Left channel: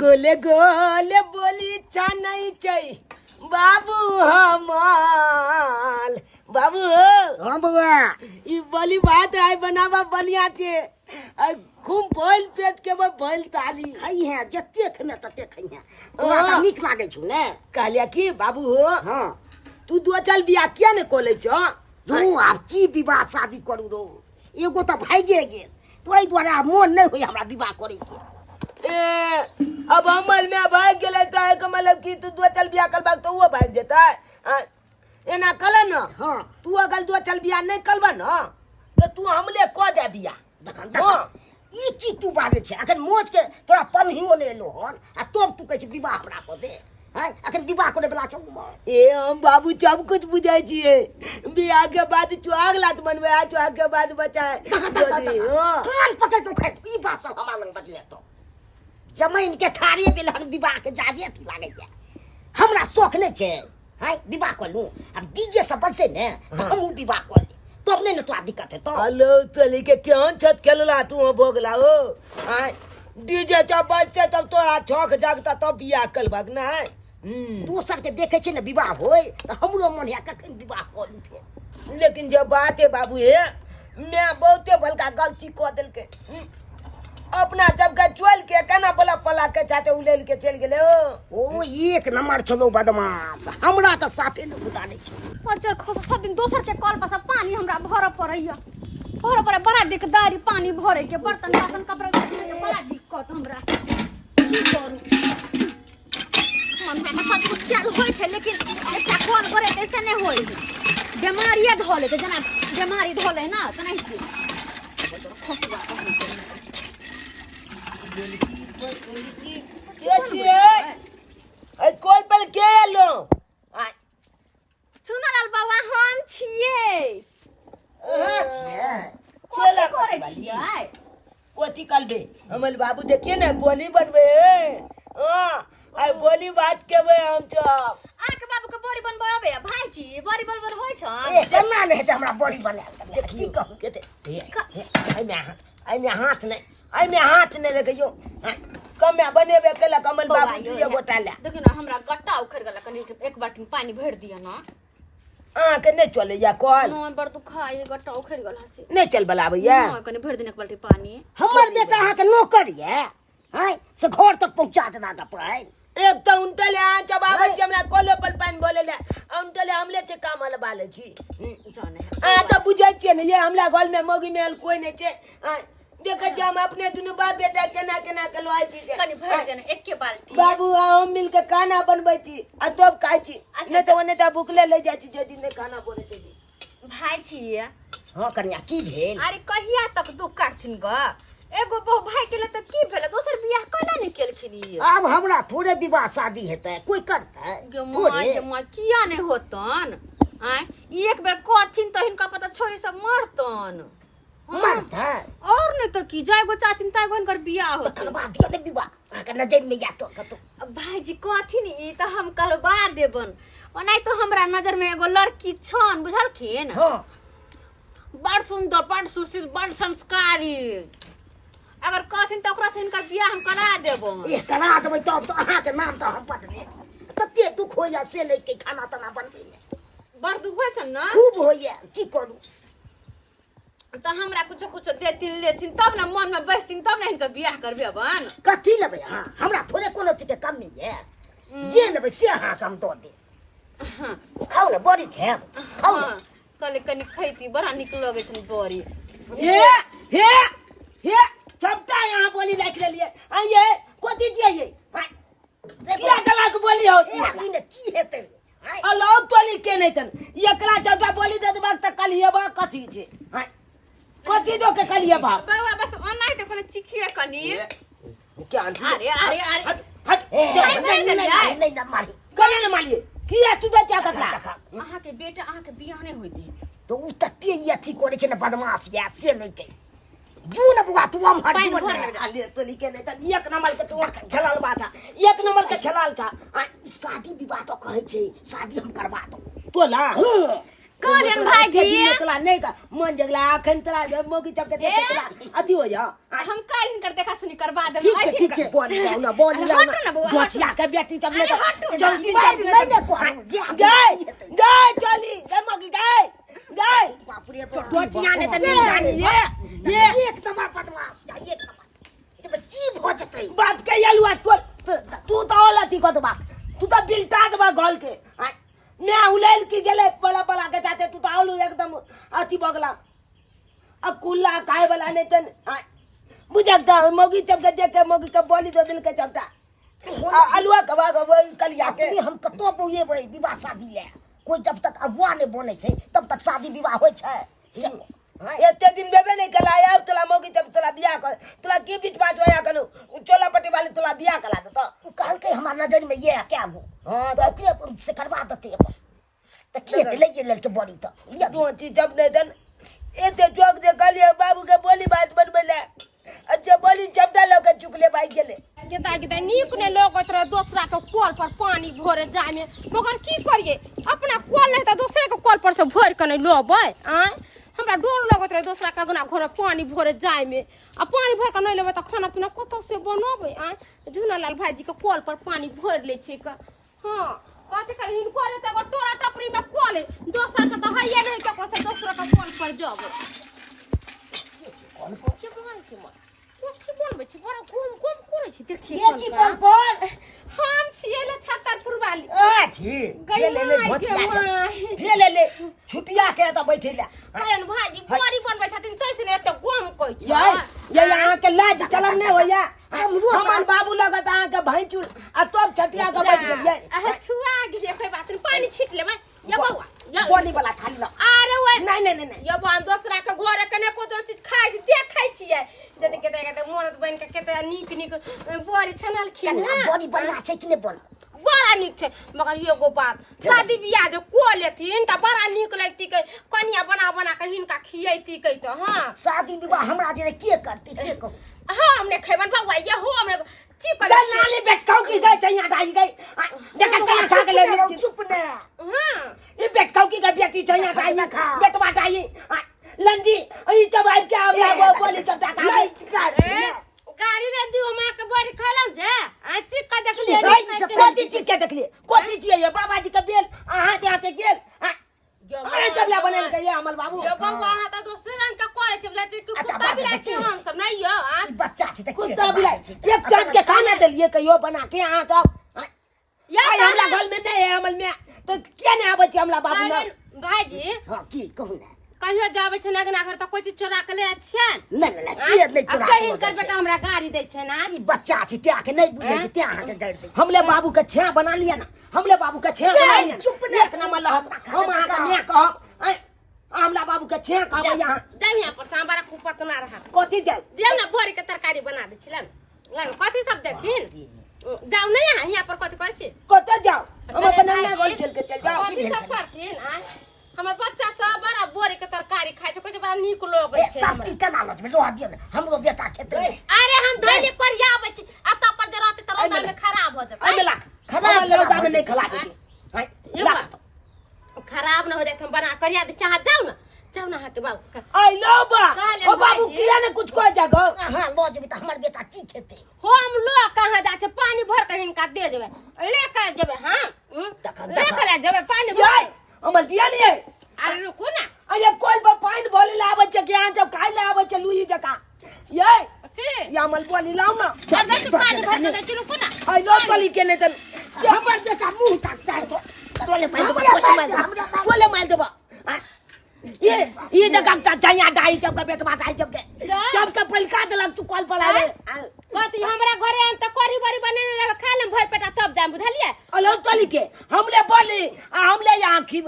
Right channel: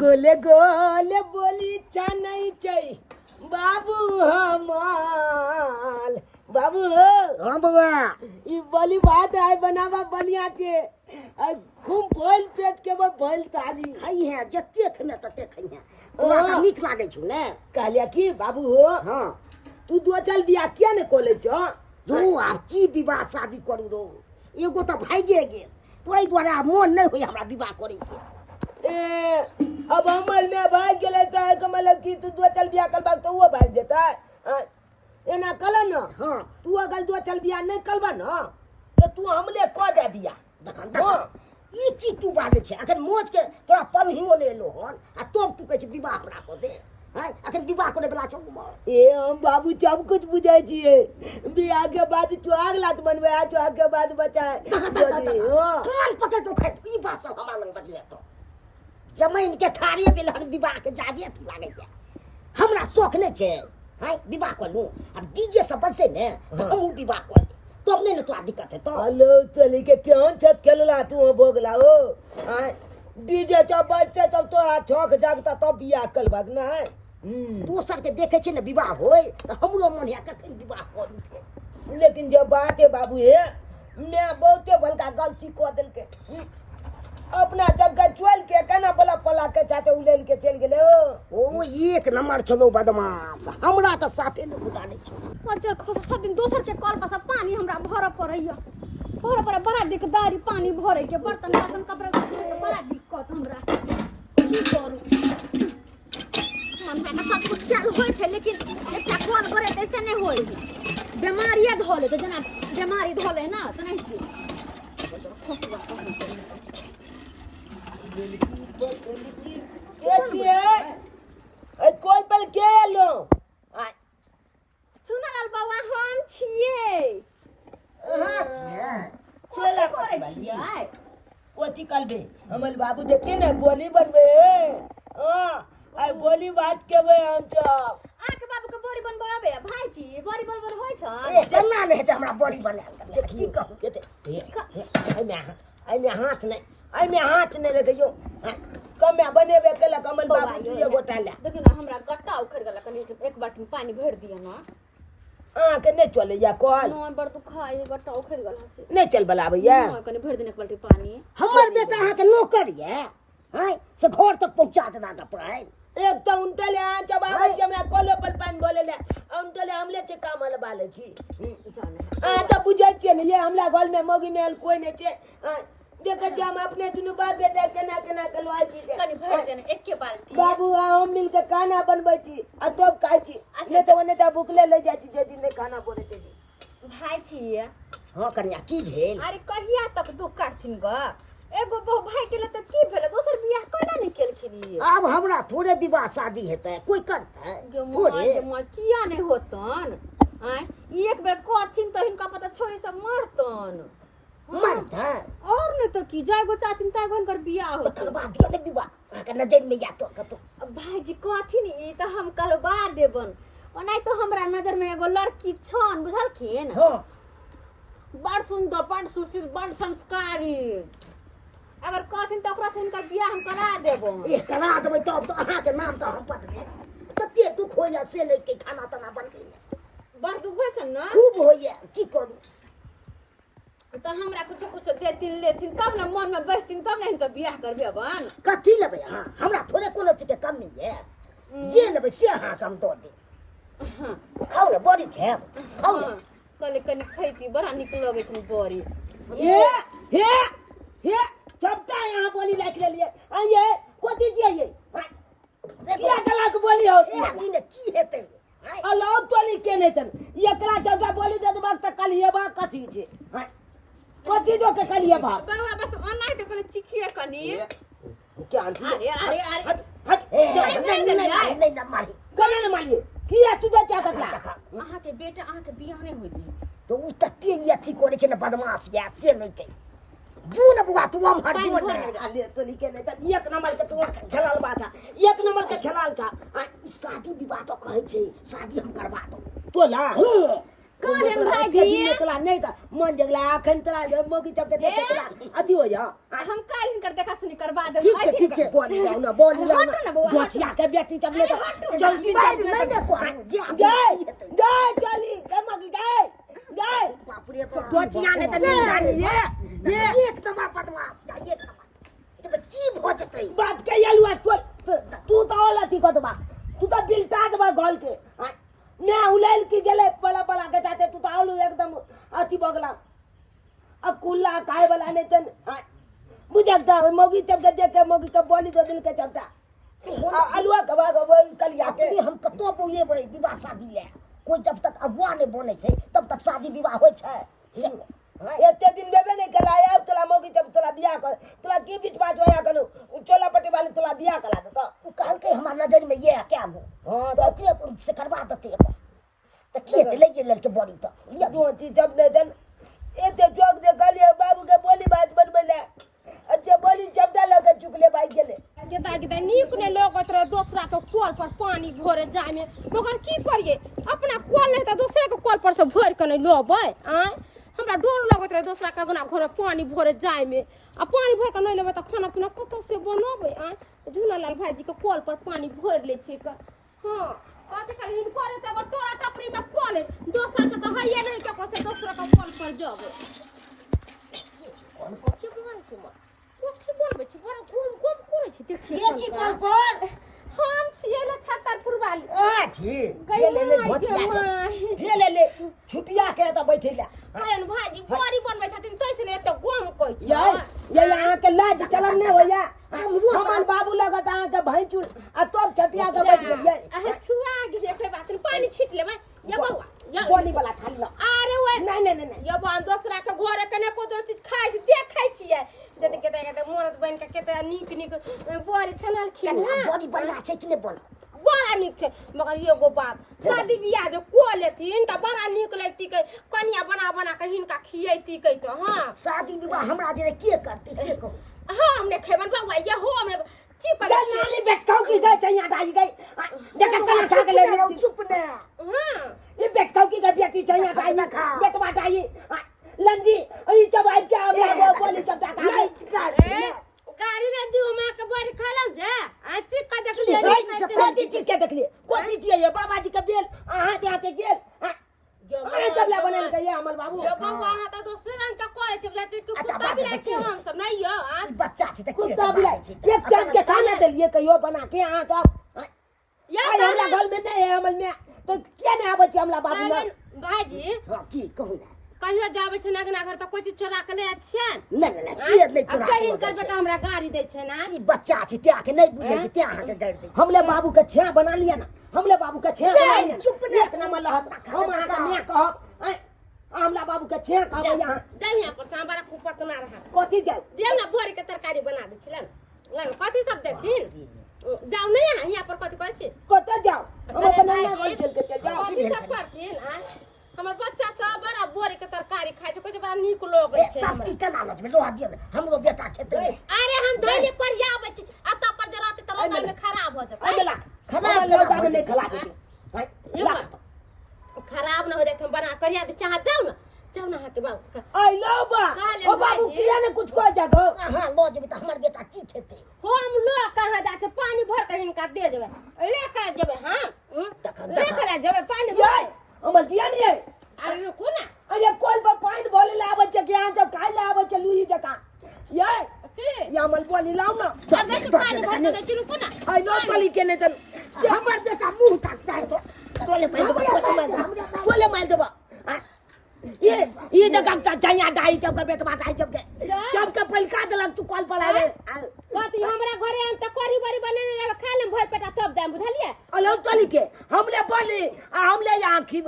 गोले गोले बोली चानई चई बाबू हमाल बाबू हाँ बउआ ई बोली बात है बनावा बनिया छे खूब भइल पेट के भइल ताली खाई है जत्ते खने तत्ते खाई है तोरा त नीक लागे छु ने कहलिया कि बाबू हो हाँ तू दो चल बिया किया ने कोले छ तू आप की विवाह शादी करू रो एगो त भागे गेल तोई द्वारा मोन नहीं होई हमरा विवाह करे के ए अब अमल में भाग गेले त एक मतलब कि तू दो चल बिया करबा तो वो भाग जेता एना कल न हाँ तू अगर दो चल बिया नहीं करबा न तो तू हमले क दे बिया देखन देखन ई चीज तू बाजे छे अखन मोज के तोरा पन्हियो ले लो हन आ तब तू कहै छै विवाह हमरा को दे हैं अखन विवाह करे बला छौ उमर ए हम बाबू सब कुछ बुझाई छिए बियाह के बाद चुआग लात बनवे आ चुआग के बाद बचाए कान पकड़ तो खाए ई बात सब हमरा लंग बजले तो जमीन के ठाड़िए गेल हन विवाह के जाबे अथी लागे छै हमरा शौक नहीं छे हैं विवाह कर लूं अब डीजे सब बजते ने तो हम विवाह कर ले तब नहीं न तोरा दिक्कत है तो हेलो चली के क्यों छत खेलला तू भोगला हो हां डीजे जब बजते तब तोरा छौक जागता तब बियाह करबक ना दोसर के देखे छे न विवाह होय तो हमरो मन है कखन विवाह करू फेर लेकिन जब बात है बाबू है मैं बहुते बड़का गलती को दिल के अपना जब का चोल के केना बोला पला के चाटे उलेल के चल गेले ओ एक नंबर चलो बदमाश हमरा त साफे न बुझा नहीं छे पंचर खस सब दिन दोसर के कल पर पानी हमरा भर पड़ैया भर पड़े बड़ा दिकदारी पानी भरे के बर्तन बासन कपड़ा के बड़ा दिक्कत हमरा की करू मन में सब कुछ चालू होय छे लेकिन एकटा कॉल करे ऐसे नहीं होय बीमारियां धोले त जना बीमारी धोले ना त नहीं की खसवा के छिए ए कॉल पर के लो सुनल बाबा हम छिए हां छिए चला करे छिए ओती कलबे हमल बाबू देखिए ना बोली बनबे हां आई बोली बात केबे हम सब आके बाबू के बोरी बनबाबे भाई जी बोरी बनबन होय छ ए केना नहीं त हमरा बड़ी बना देखी कहू के आई में हाथ नहीं लगइयो कमे बनेबे केला कमल बाबू दुए गोटा ले देखियो ना हमरा गट्टा उखड़ गेला कनी एक बाल्टी पानी भर दिया ना के नहीं चले या कॉल नो बड़ दुखाई गट्टा उखड़ गेला से नहीं चल बलाबैया नो कनी भर दिन एक बाल्टी पानी हमर बेटा अहाँ के नौकर ये हैं से घर तक पहुंचा देना का पाइन एक तो उनटले आ जब आवे छी हमरा कॉलो पर पानी बोले ले उनटले हमले से काम हल बाले छी जाने आ तो बुझाई छी ने ये हमरा घर में मोगी में कोई नहीं छे देखे छी हम अपने दुनु बाप बेटा केना केना कलवाई छी कनी भर देना एक के बाल्टी बाबू हम मिल के खाना बनबै छी आ तब खाई छी नहीं तो ओने त भूखले ले जाई छी जे दिन नहीं खाना बने छी भाई छी हां कन्या की भेल अरे कहिया तक दुख काटथिन ग एगो बहु भाई के ले त की भेले दोसर बियाह कला नहीं केलखिनी अब हमरा थोड़े विवाह शादी हेतै कोई करतै थोड़े मां किया नहीं होतन आय एक बेर कथिन त हिनका पता छोरी सब मरतन मरतै और नहीं तो की जाय गो चाहथिन ताय गो इनकर बियाह होत करवा दियो ने विवाह आके नजर में या तो कतो भाई जी कथिन ई त हम करवा देबन ओनाई तो हमरा नजर में एगो लड़की छन बुझलखिन हां बड़ सुंदर बड़ सुशील बड़ संस्कारी अगर कथिन त ओकरा से इनकर बियाह हम करा देबो ये करा देबै तब तो अहाँ के नाम तो हम पट ले तते दुख होइया से ले के खाना तना बनबै में बड़ दुख होय छन ना खूब होइया की करू त हमरा कुछो कुछो देथिन लेथिन तब ना मन में बैसथिन तब ना इनकर बियाह करबे बन कथी लेबै हां हमरा थोड़े कोनो चीज के कमी है जे लेबै से अहाँ के हम दो दे खाओ ना बड़ी खाब खाओ ना कले कनी खैती बड़ा निक लगे छन बड़ी हे सबटा यहाँ बोली रख लेलिए आइए कोती जाइए क्या गला के बोली हो ई ने की हेतै अलाउ टोली के नहीं तन एकला चौका बोली दे देबाक त कलिएबा कथी छे कथी दो के कलिएबा बाबा बस ओनाई त कोन चिखिए कनी क्या आंटी अरे अरे अरे हट नहीं ना मारी कले न मारिए किया तू दे क्या कथला अहाँ के बेटा अहाँ के बियाह नहीं होई दी तो उ तते ई अथी करे छै ने बदमाश या से नहीं के जू न बुआ तू हम हट जू न आले तो लिखे नहीं त एक नंबर के तू खेलाल बाछा एक नंबर के खेलाल था शादी विवाह तो कहै छै शादी हम करवा दो तो ला कहलियन भाईजी तोला नहीं का मन जगला अखन तोला मोगी चप के देख तोला अथी हो जा हम काल हिनकर देखा सुनी करवा देब ठीक है बोली लाओ ना गोचिया के बेटी चप ले जल्दी नहीं ले को गए गए चली गए मोगी गए गए बाप रे गोचिया ने त नहीं जानी ये एक तमा बदमाश एक तमा ये की भोजतै बाप के यलुआ तू तो ओला थी को बा तू तो बिल्टा दबा गोल के मैं उलेल की गेले बला बला के जाते तू तो आलू एकदम अति बगला अब कुल्ला काय वाला ने तन बुझकता मोगी चप के देख के मोगी का बोली दो दिन के चपटा अलुआ कबा कलिया के हम कतो बुए भाई विवाह शादी ले कोई जब तक अगुआ ने बने छै तब तक शादी विवाह होय छै एते दिन बेबे नहीं कलाया अब तोला मोगी जब तोला बियाह कर तोला की बीच बात होया कनु चोला पट्टी वाली तोला बियाह करा दे तो कहल के हमार नजर में ये है क्या गो हां तो ओकरे से करवा देते तो के ले ले के बड़ी तो ये दो चीज जब नहीं दन एते जोक जे कलिया बाबू के बोली बात बनबले अच्छा बोली चपटा लग चुकले भाई गेले के नीक ने लगत रहे दूसरा के कल पर पानी भरे जाय में मगर की करिए अपना कल नहीं त दूसरे के कल पर से भर के नहीं लोबै आ हमरा डर लगत रहे दूसरा के गुना घर पानी भरे जाय में आ पानी भर के नहीं लेबै त खाना पीना कत से बनबै आ झूनालाल भाईजी के कल पर पानी भर ले छी के हां कथि कर हिन करे त टोरा टपरी में कल दोसर के त हइए नहीं के से दूसरा के कल पर जब कल पर के बोल के की बोलबै छी बड़ा घूम घूम करे छी देखिए के छी कल पर हम छिए ले छतरपुर वाली छी गेले ले भोचिया छ फेले ले छुटिया के त बैठेला अरे भाजी बड़ी बनबै छथिन तैसे ने त गम कहै छी ये यहाँ के लाज चलन नहीं होया हमार बाबू लगत आ के भैंचुर आ तब छटिया के बैठ गेलिए छुआ गेले कोई बात नहीं पानी छीट लेबै या बौआ या बोली वाला थाली ना अरे ओए नहीं या बा हम दूसरा के घर कने कोनो चीज खाइ छी देखै छियै जते केते मोरत बन के केते नीक बड़ी छनल खिन बड़ी बढ़िया छै कि नहीं बन बड़ा नीक छै मगर एगो बात शादी बियाह जो को लेथिन त बड़ा नीक लगती के कनिया बना बना के हिनका खियैती के त हां शादी विवाह हमरा जे के करते से कहू हां हमने खेबन बौआ ये हो हमने चीप कर नाली बेटकाऊ की गई चैया डाई गई देखा कला खा के ले चुप ने हां ये बेटकाऊ की गई बेटी चैया डाई बेटवा डाई लंजी ई जब आ के आबे बोली चपटा का गाड़ी रे दियो मां के बड़ी खलौ जे आ चीप का देख ले कोती चीज के देख ले कोती चीज ये बाबा जी के बेल आहा ते आते गेल अरे जब ला बनल के ये अमल बाबू यो बौआ हां त दोसर रंग का करे छै बोला कि कुत्ता बिलाई छै हम सब नहीं यो ई बच्चा छै त कुत्ता बिलाई छै एक चीज के खाना देलिए कहियो बना के आ जाओ या हमरा घर में नहीं है अमल में तो क्या नहीं आबे छै हमरा बाबू ना भाईजी हां की कहू ना कहियो जाबे छै लगना घर त कोई चीज चोरा के ले छै नहीं सियत नहीं चोरा कहीं कर बेटा हमरा गाड़ी दे छै ना ई बच्चा छै त्या के नहीं बुझे छै त्या के गाड़ी दे हमले बाबू के छेया बना लिया ना हमले बाबू के छेया बना लिया चुप ने एक नंबर लहत हम आका मैं कहब हमला बाबू के छेया कहब यहां जाम यहां पर सांबारा कुपत ना रहा कथि जाऊ देव ना भोरी के तरकारी बना दे छिलन लन कथि सब देथिन जाऊ नहीं यहां पर कथि कर छी कत जाऊ हम अपन ना गोल चल के चल जाऊ कथि सब करथिन आ हमर बच्चा सब बड़ा भोरी के तरकारी खाय छै कोइ बड़ा नीक लोगे छै सब की केना लज में लोहा दियो ने हमरो बेटा खेते अरे हम धैले पर आबै छी आ त पर जरत त रोदा में खराब हो जतै अबे लाख खराब लोदा में नहीं खला देती लाख खराब न हो जाए हम बना करिया दे चाह जाऊ ना के बाबू आई लो बा ओ बाबू किया ने कुछ को जागो हां लो जेबी त हमर बेटा की खेते हम लो कहां जा छै पानी भर के हिनका दे देबै ले कर देबै हां ले कर देबै पानी याय अमल दिया नहीं है अरे रुको ना अरे कोई पर पानी बोले ले आवे छै के जब खाई ले आवे छै लुई जका ये के या अमल बोली लाओ ना अगर तो पानी भर के दे रुको ना आई लो कली के ने तन हमर बेटा मुंह ताकता है तो बोले मार दो ये जगह का चाहिए डाई जब का बेटवा डाई जब के पलका देलक तू कॉल पर आवे कथि हमरा घरे हम त करी बरी बने रहे खा ले भर पेटा तब जाम बुझलिए अलो तली के हमले बोली आ हमले आंखी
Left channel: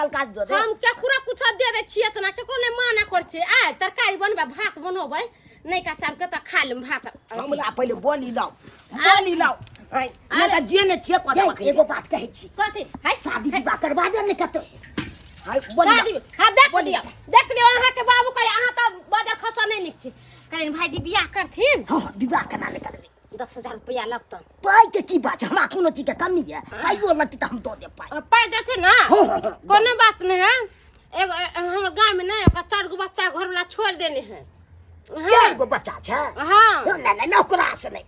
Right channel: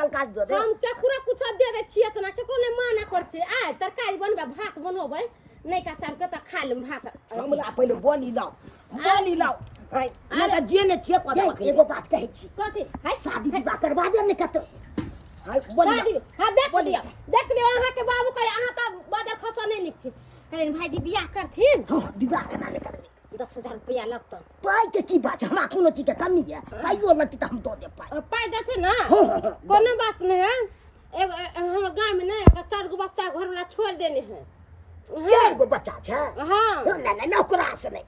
तलका दो दे हम केकरो कुछ दे दे छिए त ना केकरो ने माना कर छै आ तरकारी बनबे भात बनोबै नहीं का चाम के त खा लेम भात हमरा पहले बोली लाओ आई ना त जे ने छे को एगो बात कहै छी कथि हाय शादी विवाह करवा दे ने कतो आई बोली शादी हां देख लियो अहाँ के बाबू कहे अहाँ त बाजार खसा नहीं लिख छी करेन भाईजी बियाह करथिन हां विवाह केना ले करबे 10,000 रुपया लगतन पाई के की बात हमरा कोनो चीज के कमी है पाइयो लगती त हम दो दे पाई पाई देथिन ना कोनो बात नहीं है एगो हमर गांव में ना एगो 4 गो बच्चा घर वाला छोड़ देने हैं। 4 गो बच्चा छै हाँ नहीं नौकरा से नहीं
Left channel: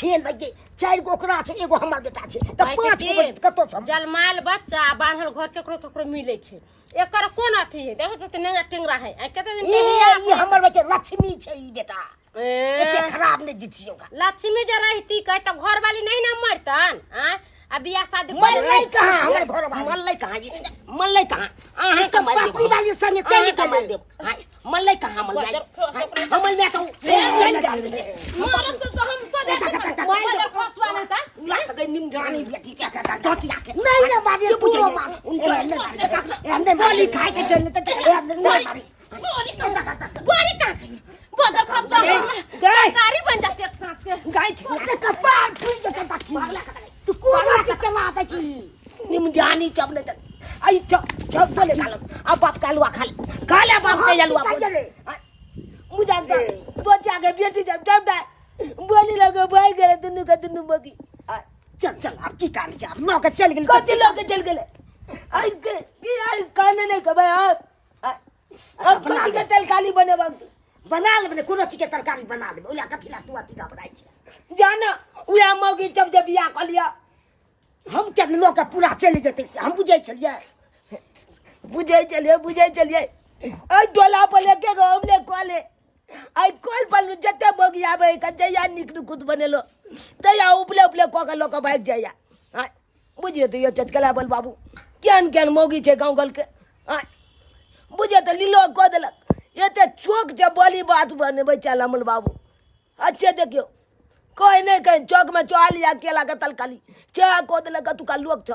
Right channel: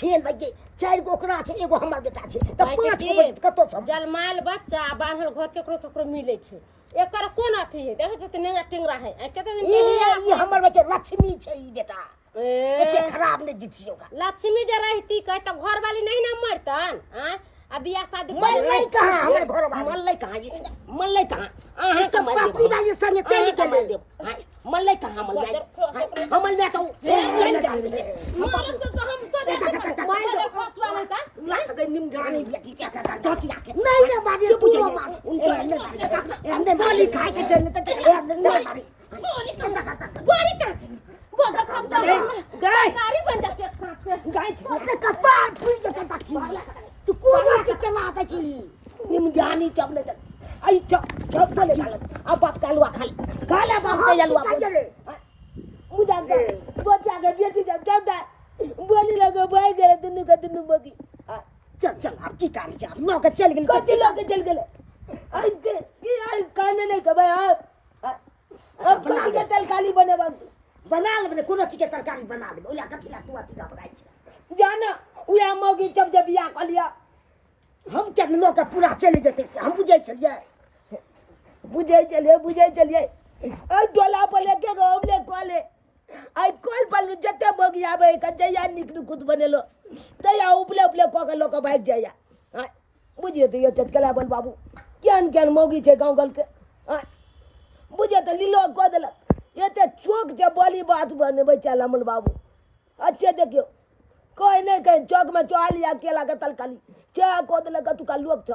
फेल भाई 4 गो ओकरा छै एगो हमर बेटा छै त भाई 5 के गो बच्चा कतो छ जलमाल बच्चा बान्हल घर केकरो केकरो मिले छै एकर कोन अथी है देखो त नेंगा टेंगरा है आ कते दिन ई हमर बेटा लक्ष्मी छै ई बेटा एते ए, खराब नहीं दिथियो का लक्ष्मी जे रहती कह त घर वाली नहीं ना मरतन आ अब बियाह शादी कर मन नहीं कहां हमर घर वाला मल्लै कहाँ ये मल्लै कहाँ अहाँ सब पापड़ी वाली संगे चल कमाई गेलै देब मल्लै कहाँ मल्लै हमल में तो मारस तो हम तो देखत मार फसवा नहीं था लात गई निम जानी बेटी क्या कर डोटी लाके नहीं ना मारी तू रो मार हमने बोली खाए के चलने तक नहीं मारी बोली का बदर फसवा गाय कारी बन जाते एक साथ से गाय ते कपार फूल के ताकी तू कोनो की चला दे छी निम जानी चबले तक आई चब चले काल अब बाप कालवा खा ले बाप के जलवा मुझे दे दो जाके बेटी जब जब दे बोली लगे भाई करे दुनु का दुनु बगी चल चल अब की कर जा लोग चल गेल कति लोग चल गेले आई के आई काने नहीं कबे अब कति के तरकारी बने बांध बना ले कोनो चीज के तरकारी बना ले ओला कथिला तू अति का बनाई छै जाना उया मौगी जब जब बियाह कर लिया हम चल लोग का पूरा चले जते से हम बुझै छलिए बुझे चलिए आई डोला पर लेके गो हमने कॉले आई कॉल पर जते मौगी आवे कजैया निकलू खुद बनेलो तया उपले उपले को के लोग भाग जाया हां बुझिए तो ये चचकला बल बाबू केन केन मौगी छे गांव गल के हां बुझे तो लीलो को देलक एते चौक जे बोली बात बने बच्चा लमन बाबू अच्छे देखियो कोई नहीं कहीं चौक में चौलिया केला के तलकाली चा को देलक तू का लोग छ